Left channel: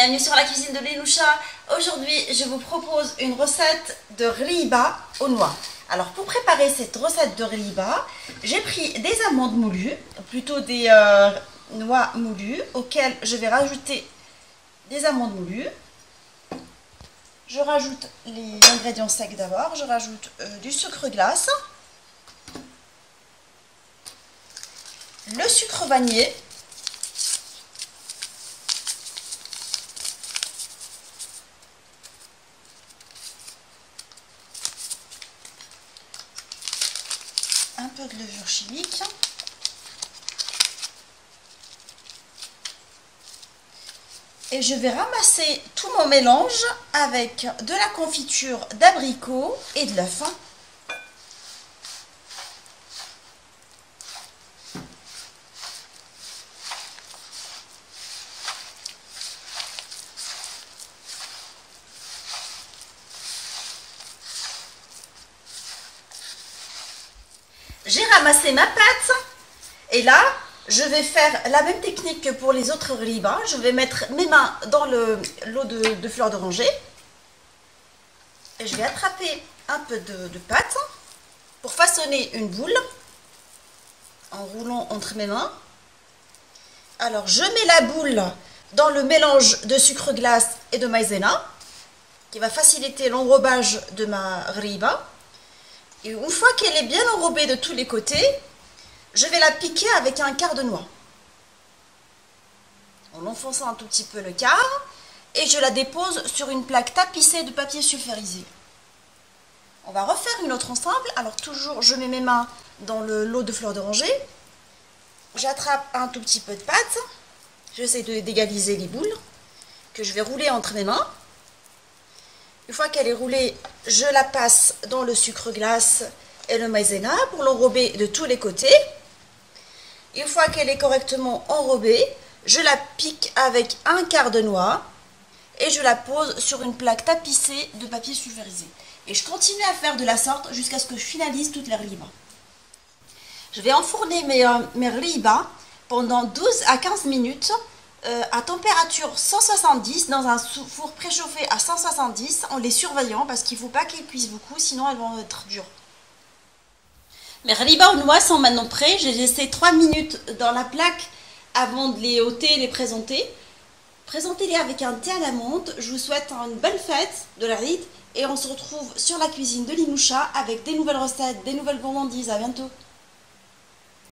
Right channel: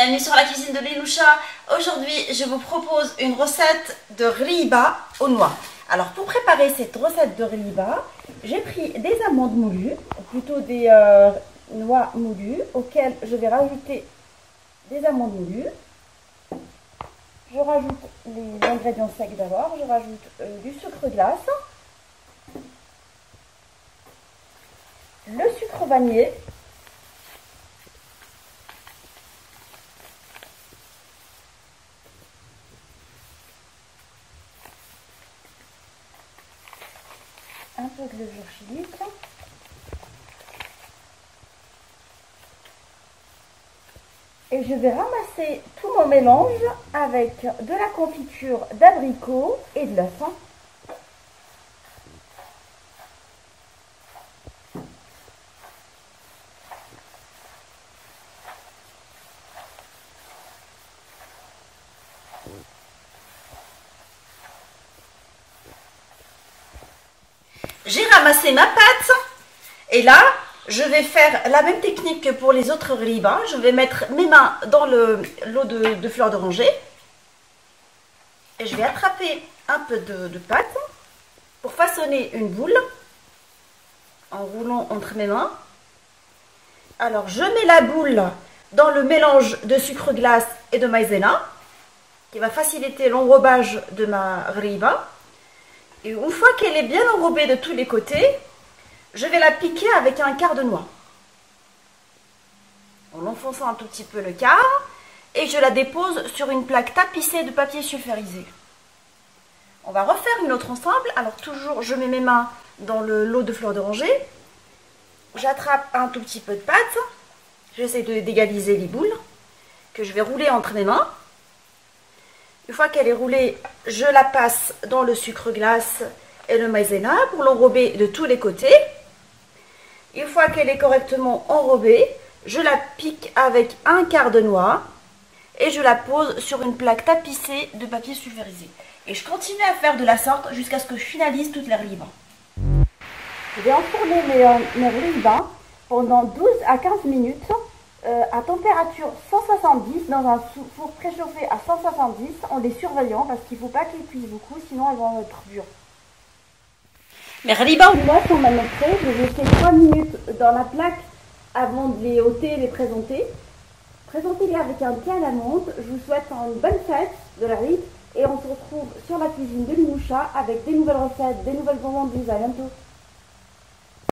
bienvenue sur la cuisine de Linoucha. Aujourd'hui, je vous propose une recette de riba aux noix. Alors, pour préparer cette recette de riba, j'ai pris des amandes moulues, ou plutôt des noix moulues, auxquelles je vais rajouter des amandes moulues. Je rajoute les ingrédients secs d'abord, je rajoute du sucre glace, le sucre vanillé, un peu de levure chimique, et je vais ramasser tout mon mélange avec de la confiture d'abricot et de l'œuf. J'ai ramassé ma pâte et là, je vais faire la même technique que pour les autres riba. Je vais mettre mes mains dans l'eau de fleur d'oranger et je vais attraper un peu de pâte pour façonner une boule en roulant entre mes mains. Alors, je mets la boule dans le mélange de sucre glace et de maïzena qui va faciliter l'enrobage de ma riba. Et une fois qu'elle est bien enrobée de tous les côtés, je vais la piquer avec un quart de noix. En enfonçant un tout petit peu le quart, et je la dépose sur une plaque tapissée de papier sulfurisé. On va refaire une autre ensemble. Alors toujours, je mets mes mains dans l'eau de fleur d'oranger. J'attrape un tout petit peu de pâte. J'essaie d'égaliser les boules que je vais rouler entre mes mains. Une fois qu'elle est roulée, je la passe dans le sucre glace et le maïzena pour l'enrober de tous les côtés. Une fois qu'elle est correctement enrobée, je la pique avec un quart de noix et je la pose sur une plaque tapissée de papier sulfurisé. Et je continue à faire de la sorte jusqu'à ce que je finalise toute la riba. Je vais enfourner mes riba pendant 12 à 15 minutes à température 170 dans un four préchauffé à 170 en les surveillant parce qu'il ne faut pas qu'elles cuisent beaucoup, sinon elles vont être dures. Mes riba aux noix sont maintenant prêts. J'ai laissé 3 minutes dans la plaque avant de les ôter et les présenter. Présentez-les avec un thé à la menthe. Je vous souhaite une bonne fête de la Rite et on se retrouve sur la cuisine de Linoucha avec des nouvelles recettes, des nouvelles gourmandises. À bientôt.